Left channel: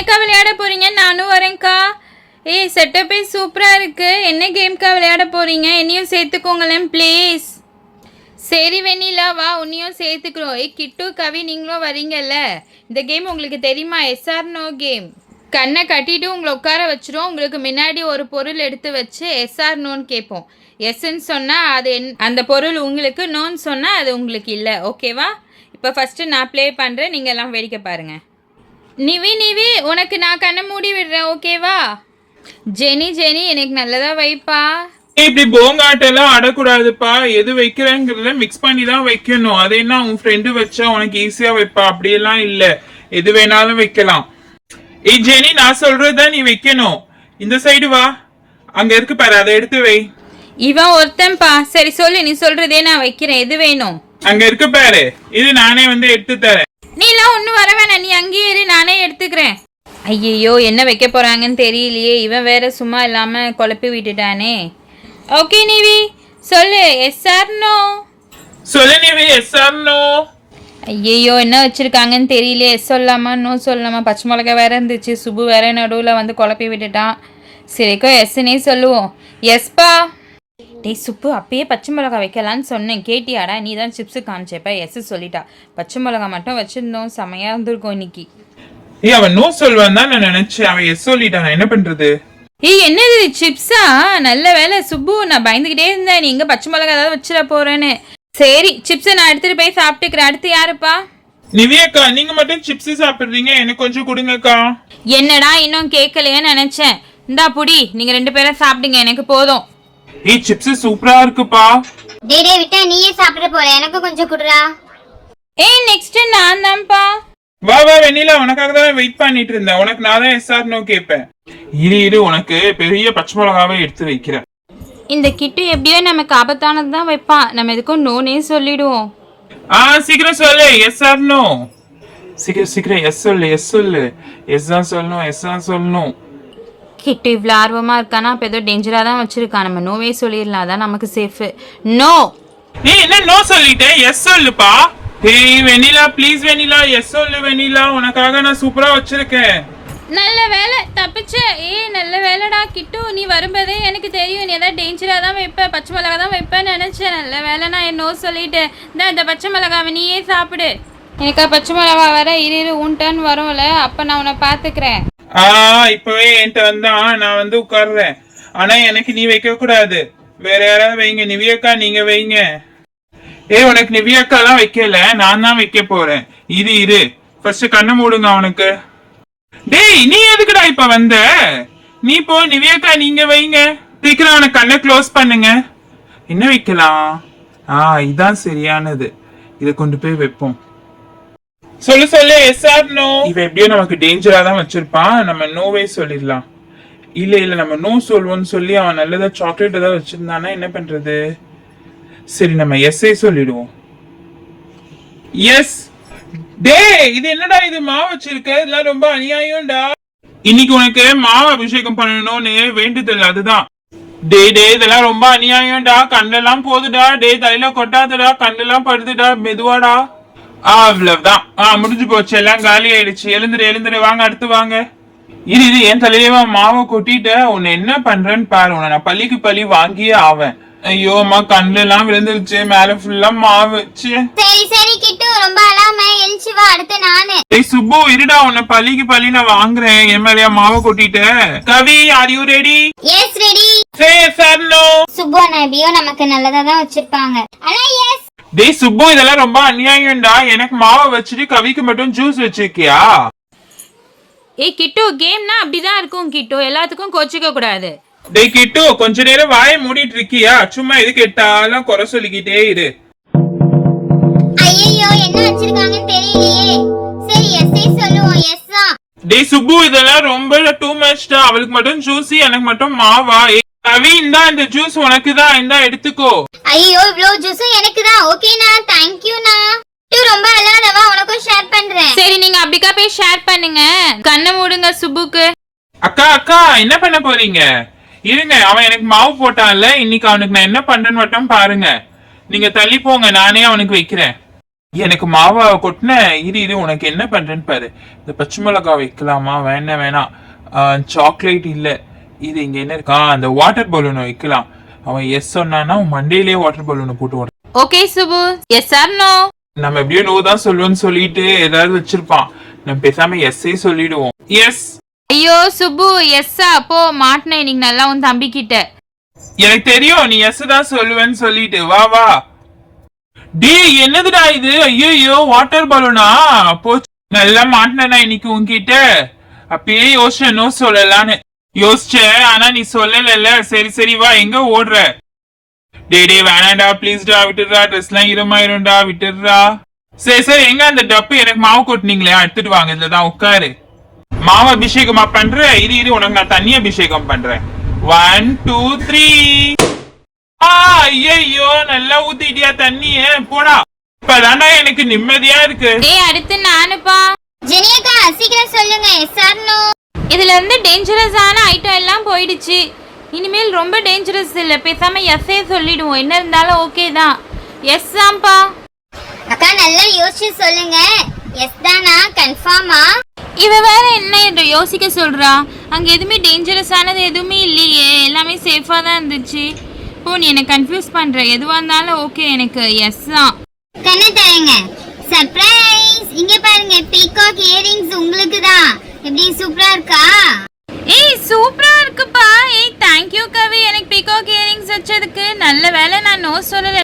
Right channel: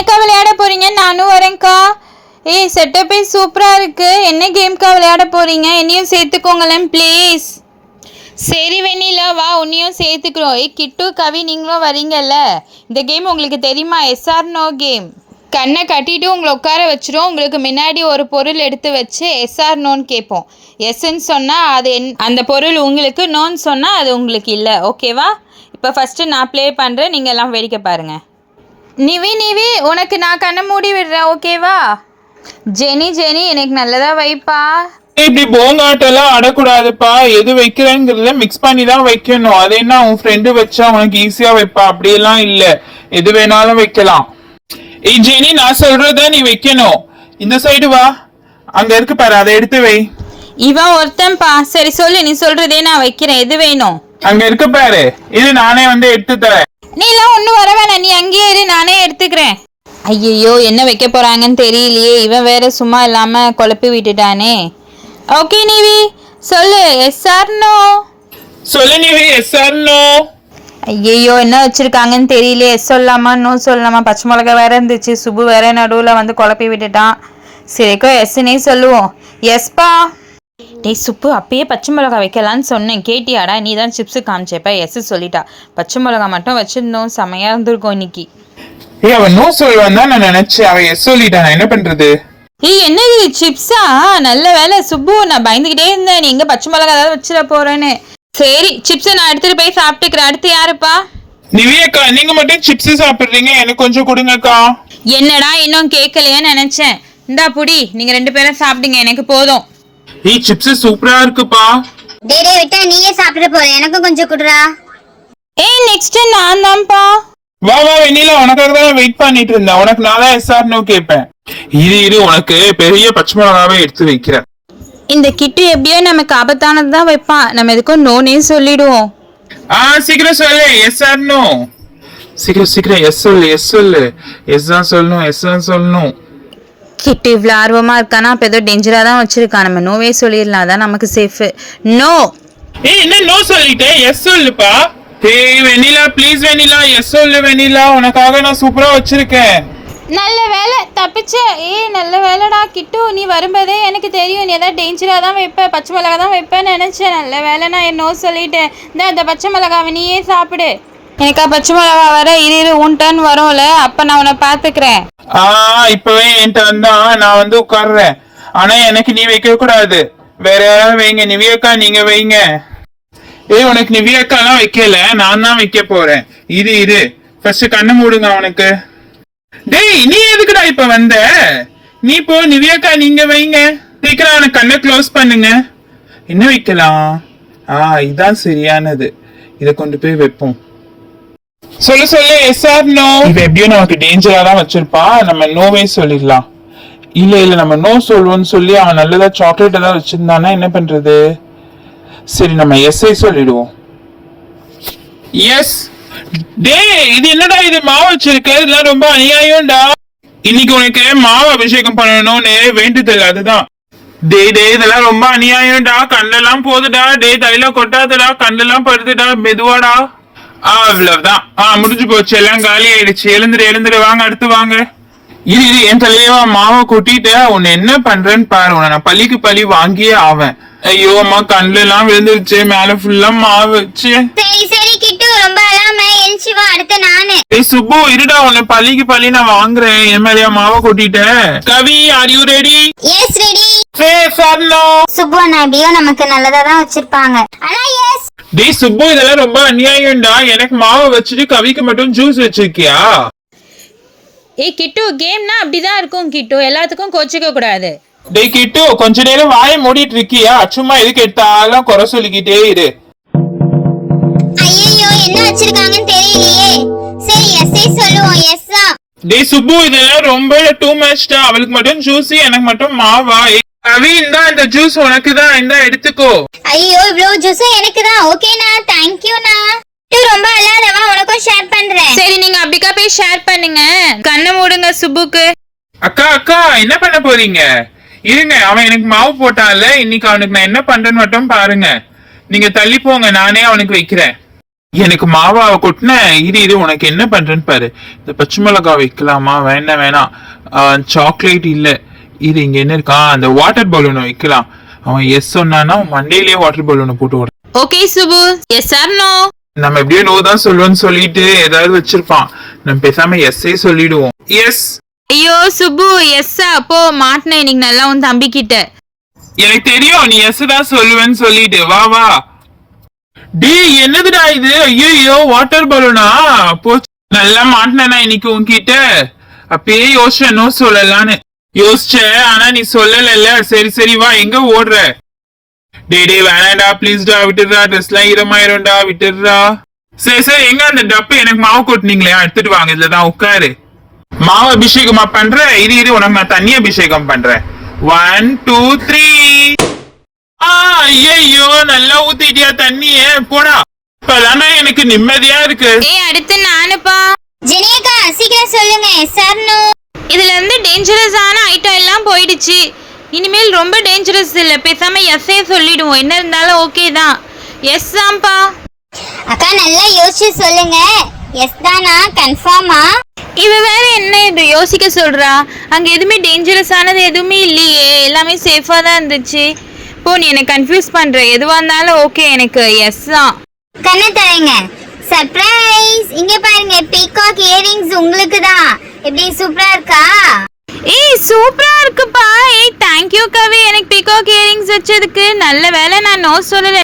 என்னக்கா விளையாட போறீங்க? நானும் வரேன்க்கா. ஏய் செட்டப்பே சூப்பரா இருக்கு. என்ன கேம்க்கா விளையாட போறீங்க? என்னையும் சேர்த்துக்கோங்களேன் ப்ளீஸ். சரி வெண்ணிலா வா, உன்னையும் சேர்த்துக்கிறோம். ஏய் கிட்டு கவி நீங்களும் வரீங்கல்ல. இந்த கேம் உங்களுக்கு தெரியுமா? Yes or no game. கண்ணை கட்டிட்டு உங்களை உட்கார வச்சிரும். உங்களுக்கு முன்னாடி ஒரு பொருள் எடுத்து வச்சு எஸ்ஆர் நோன்னு கேட்போம். எஸ்ன்னு சொன்னால் அது அந்த பொருள் உங்களுக்கு, நோன்னு சொன்னால் அது உங்களுக்கு இல்லை. ஓகேவா? இப்போ ஃபஸ்ட்டு நான் ப்ளே பண்ணுறேன், நீங்கள் எல்லாம் வேடிக்கை பாருங்கள். நிவி உனக்கு நான் கண்ணை மூடி விடுறேன். ஓகேவா? ஜெனி எனக்கு நல்லதாக வைப்பா. இப்படி போங்காட்டெல்லாம் ஆடக்கூடாதுப்பா. எது வைக்கிறேங்கிறத மிக்ஸ் பண்ணி தான் வைக்கணும். அது என்ன உன் ஃப்ரெண்டு வச்சா உனக்கு ஈஸியா வைப்பா? அப்படியெல்லாம் இல்ல, எது வேணாலும் வைக்கலாம். ஏய் ஜெனி, நான் சொல்றத நீ வைக்கணும். இந்த சைடு வா, அங்க இருக்கு பாரு, அதை எடுத்து வை. இவன் ஒருத்தன்பா. சரி சொல்லு, நீ சொல்றதே நான் வைக்கிறேன். எது வேணும்? அங்க இருக்கு பாரு, இது நானே வந்து எடுத்து தரேன். நீ எல்லாம் ஒன்றும் வர வேணாம், நீ அங்கேயே இரு, நானே எடுத்துக்கிறேன். ஐயோ என்ன வைக்க போறாங்கன்னு தெரியலையே. இவன் வேற சும்மா இல்லாம குழப்பி விட்டுட்டானே. ஓகே நிவி சொல்லு, எஸ் ஆர் நோ? சொல்லு நிவி, எஸ் ஆர் நோ? ஐயோ என்ன வச்சிருக்காங்கன்னு தெரியல. எஸ் சொல்லாமா நோ சொல்லாமா? பச்சை மிளகா வேற இருந்துச்சு, சுப்பு வேற நடுவில் வந்து குழப்பி விட்டுட்டான். சரிக்கோ எஸ்னே சொல்லுவோம். எஸ்பா. டேய் சுப்பு, அப்பயே பச்சை மிளகா வைக்கலான்னு சொன்னேன், கேட்டியாடா? நீ தான் சிப்ஸு காமிச்சப்ப எஸ் சொல்லிட்டா. பச்சை மிளகா மட்டும் வச்சிருந்தோம், செமையா இருந்திருக்கும் இன்னைக்கு. ஏய் அவன் நோ சொல்வான் தான் நான் நினைச்சேன், அவன் எஸ் சொல்லிட்டான். என்ன பண்றது? ஏய் என்னது சிப்ஸா? நல்ல வேலை சுப்பு, நான் பயந்துக்கிட்டே இருந்தேன் நீ எங்க பச்சை மிளகா ஏதாவது வச்சிட போறேன்னு. சரி சிப்ஸை நான் எடுத்துட்டு போய் சாப்பிட்டுக்கிறேன். அடுத்து யாருப்பா? நிவியக்கா, நீங்க மட்டும் சிப்ஸ் சாப்பிடுறீங்க, எனக்கு கொஞ்சம் கொடுங்கக்கா. என்னடா இன்னும் கேட்கலையோன்னு நினைச்சேன். இந்தா புடி, நீங்க 2 பேரும் சாப்பிடுங்க, எனக்கு போதும். ஏய் சிப்ஸ் சூப்பரா இருக்குப்பா. டேய் விட்டா நீயே சாப்பிட போற, எனக்கு கொஞ்சம் குடுறா. ஏய் நெக்ஸ்ட் நான் தான்ப்பா. வா வெண்ணிலா, உனக்காக தான் வெயிட் பண்ணிட்டு இருந்தேன். உனக்கு நான் தான் எஸ்ஆர் நோ கேட்பேன். இரு உனக்கு பெரிய பச்சை மிளகாவே எடுத்து வைக்கிறேன். இந்த கிட்டு எப்படியோ நமக்கு ஆபத்தானது தான் வைப்பான். நம்ம எதுக்கும் நோனே சொல்லிடுவோம். சீக்கிரம் சொல்லு, எஸ்ஆர் நோ. சீக்கிரம் எஸ் சொல்லு. எஸ் தான் சொல்லணும், எஸ் தான் சொல்லணும். கிட்டு இவ்வளோ ஆர்வமா இருக்கானா, அப்போ ஏதோ டேஞ்சரா தான் வச்சிருக்கான். நம்ம நோவே சொல்லிடலாம், அதான் நமக்கு சேஃப். நோ. ஏய் என்ன நோ சொல்லிட்டேன், எஸ் சொல்லுப்பா. ஏய் வெண்ணிலா ப்ளீஸ் வெண்ணிலா, எஸ் சொல்லு வெண்ணிலா, உனக்காக நான் சூப்பரா வச்சிருக்கேன். நல்ல வேலை தப்பிச்ச. ஏய் நல்ல வேலைடா கிட்டு, நீ வரும்போதே எனக்கு தெரியும் நீ ஏதாவது டேஞ்சராக தான் வைப்ப, பச்சை மிளகா தான் வைப்பேன்னு நினச்சேன். நல்ல வேலை நான் நோ சொல்லிட்டேன். இந்த பச்சை மிளகாவை நீயே சாப்பிடு. எனக்கா பச்சை மிளகா வர இரு உன் டர்ன் வரும்ல, அப்போ நான் உன்னை பார்த்துக்கிறேன். இப்பவே என்கிட்ட வந்தா நான் வந்து உட்கார்றேன். ஆனா எனக்கு நீ வைக்க கூடாது, வேற யாராவது வைங்க. நிவியக்கா நீங்க வைங்க. உனக்கு நிவியக்கா எல்லாம் வைக்கல, நான் தான் வைக்க போறேன். இரு ஃபர்ஸ்ட் கண்ணை மூடுங்க அவனுக்கு. டேய் நீ எதுக்குடா இப்ப வந்த? நீ போ, நிவியக்கா நீங்க வைங்க. சீக்கிரம் அவனுக்கு கண்ணை க்ளோஸ் பண்ணுங்க. என்ன வைக்கலாம்? இதான் சரியானது, இத கொண்டு போய் வைப்போம். சொல்லு எஸ் ஆர் நோ. இவன் எப்படியோ நமக்கு டேஞ்சரா தான் வச்சிருப்பான், நம்ம நோவே சொல்லிடலாம். இல்ல நம்ம நோ சொல்லுவோம்னு சொல்லி அவன் நல்லதா சாக்லேட் ஏதாவது வச்சிருந்தானா என்ன பண்றது? சரி நம்ம எஸ்ஐ சொல்லிடுவோம். எஸ். டேய் இது என்னடா, இது மாவு வச்சிருக்கு, இதெல்லாம் ரொம்ப அநியாயம்டா. இன்னைக்கு உனக்கு மாவு அபிஷேகம் பண்ணணும்னு வேண்டுதல், அதுதான். டேய் இதெல்லாம் ரொம்ப அநியாயம்டா, கண்ணெல்லாம் போதுடா. டேய் தலையில கொட்டாதடா, கண்ணெல்லாம் படுத்துடா, மெதுவாடா. அவ்வளவுதான், முடிஞ்சு போச்சு, எல்லாம் காலி ஆயிடுச்சு. எழுந்துரு வாங்க, அடுத்து வாங்க. இது என் தலையில மாவை கொட்டிட்டு உன்னை என்ன பண்றேன்னு பாரு, உன்னை நான் பள்ளிக்கு பள்ளி வாங்கியே ஆவேன். ஐயோ அம்மா, கண்ணுல எல்லாம் விழுந்துருச்சு, மேல ஃபுல்லா மாவு வச்சு. சரி கிட்டு ரொம்ப அழாம எழுச்சி வா, அடுத்து நானு. ஏய் சுப்பு இருடா, உன்னை பள்ளிக்கு பள்ளி நான் வாங்குறேன். என் மேலயா மாவை கொட்டிட்டேன். Kavi are you ready? Yes ready. Subbu அண்ணா எப்படியோ நமக்கு நல்லதா தான் வச்சிருப்பாங்க. ஆனா எஸ். டேய் சுப்பு, இதெல்லாம் ரொம்ப அநியாயம்டா. எனக்கு மாவை வச்சுட்டு கவிக்கு மட்டும் ஜூஸ் வச்சிருக்கியா? ஏய் கிட்டு, கேம்னா அப்படிதான் இருக்கும் கிட்டு, எல்லாத்துக்கும் கோச்சிக்க கூடாது. டேய் கிட்டு, கொஞ்ச நேரம் வாயை மூடிட்டு இருக்கியா? சும்மா எதுக்கு எடுத்தாலும் குறை சொல்லிக்கிட்டே இரு. ஐயோ என்ன வச்சிருக்காங்கன்னு தெரியலையே. சரி எஸ்ஐ சொல்லுவோம். எஸ்ஸா. டேய் சுப்பு, இதெல்லாம் ரொம்ப டூ மச்டா. அவளுக்கு மட்டும் ஜூஸ், எனக்கு மட்டும் மாவா? கவி இந்தா, இந்த ஜூஸ் உனக்கு தான், இந்தா எடுத்துக்கோ. ஐயோ இவ்வளவு ஜூஸும் எனக்கு தான். ஓகேண்ணா, தேங்க்யூண்ணா. ரொம்ப அழாதவா, உனக்கும் ஷேர் பண்றேன். சரி நீங்க அப்படிக்கா போய் ஷேர் பண்ணுங்க. கண்ணை மூடுங்க சுப்புக்கு. அக்கா என்ன பண்ண போறீங்க? இருங்க, அவன் எனக்கு மாவு போட்டான்ல, இன்னைக்கு அவனுக்கு நான் என்ன பண்றேன்னு மட்டும் பாருங்க. நீங்க தள்ளி போங்க, நானே அவனுக்கு வைக்கிறேன். எனக்கு மாவாவை கொட்டின இது உனக்கு என்ன பண்றேன்னு பாரு. இந்த பச்சை மிளகாய் வைக்கலாமா? வேணாம். சாக்லேட் இல்ல. இது இங்க என்ன இருக்கா? அந்த வாட்டர் பலூன் வைக்கலாம். அவன் எஸ் சொன்னானா மண்டேலயே வாட்டர் பலூன் போட்டு விட. Okay Subu, S R no? நம்ம எப்படியோ நோ தான் சொல்லுவோம்னு சொல்லிட்டு ஏதாவது வச்சிருப்பான். நம்ம பேசாம எஸ்ஸே சொல்லிடுவோம். எஸ். ஐயோ சுபு, எஸ்ஸா? அப்போ மாட்டினேன் இன்னைக்கு நல்லா உன் தம்பி கிட்ட. எனக்கு தெரியும் நீ எஸ் தான் சொல்லுவேன்னு சொல்லிட்டு. வா. டி என்னதுடா இது? ஐயோ வாட்டர் பலூனா? போச்சு, நல்லா மாட்டினா இன்னைக்கு உன்கிட்ட. அப்பயே யோசிச்சேன் நோ சொல்லலான்னு யோசிச்சேன், ஆனா நீ சொல்லல. சரி வா, எங்க ஓடுற? டே வேணாண்டா ப்ளீஸ்டா, விட்டுடுறா. ட்ரெஸ் எல்லாம் ஈரமாயிரும்டா, விட்டுடுறா. சரி எங்க அந்த டப்பு எனக்கு மாவு கொட்டினீங்களே, எடுத்துட்டு வாங்க. இதுலதான் உட்காரு. மாவு அபிஷேகமா பண்ற? இது உனக்கு நான் தண்ணி அபிஷேகம் பண்றேன். 1 2 3. ஐயோ நல்லா ஊத்திட்டியா தண்ணிய? போடா. இப்பதானா எனக்கு நிம்மதியா இருக்கு. அடுத்து நானுப்பா. ஜெனியக்கா சீக்கிரம் சொல்லுங்க, எஸ் ஆர் நோ? இதுல இருந்து டேஞ்சரஸான ஐட்டம் எல்லாம் போயிடுச்சு. இனிமேல் ரொம்ப டேஞ்சரஸ் இல்ல, பேசாம எஸ்ஸே சொல்லிடுவோம். என்ன இருந்தாலும் ஓகே தான். எஸ் தான்ப்பா. அக்கா நல்லா யோசிச்சு சொல்லுங்க, எஸ் தானா? கன்ஃபார்மா? இவ வேற என்ன இது யோசிக்க சொல்றா? அங்க எதுவுமே டேஞ்சரஸ் ஆனது எதுவுமே இல்லையே, எல்லாமே சேஃபா தான் இருந்துச்சு. போ, நீ எனக்கு கன்ஃபியூஸ் பண்ற. எதுவா இருந்தாலும் ஓகே, எனக்கு எஸ் தான். கண்ணை தரங்க. சர்ப்ரைஸ்! இங்க பாருங்க, பீகாக் இயரிங்ஸ் உங்களுக்கு தான். எப்படி சூப்பரா இருக்கா? சூப்பரா இருக்குப்பா. தேங்க் யூ கவி, எனக்கு பீகாக் இயரிங்ஸ் வச்சதுக்கு. நல்ல வேளை நான் நோ சொல்லல.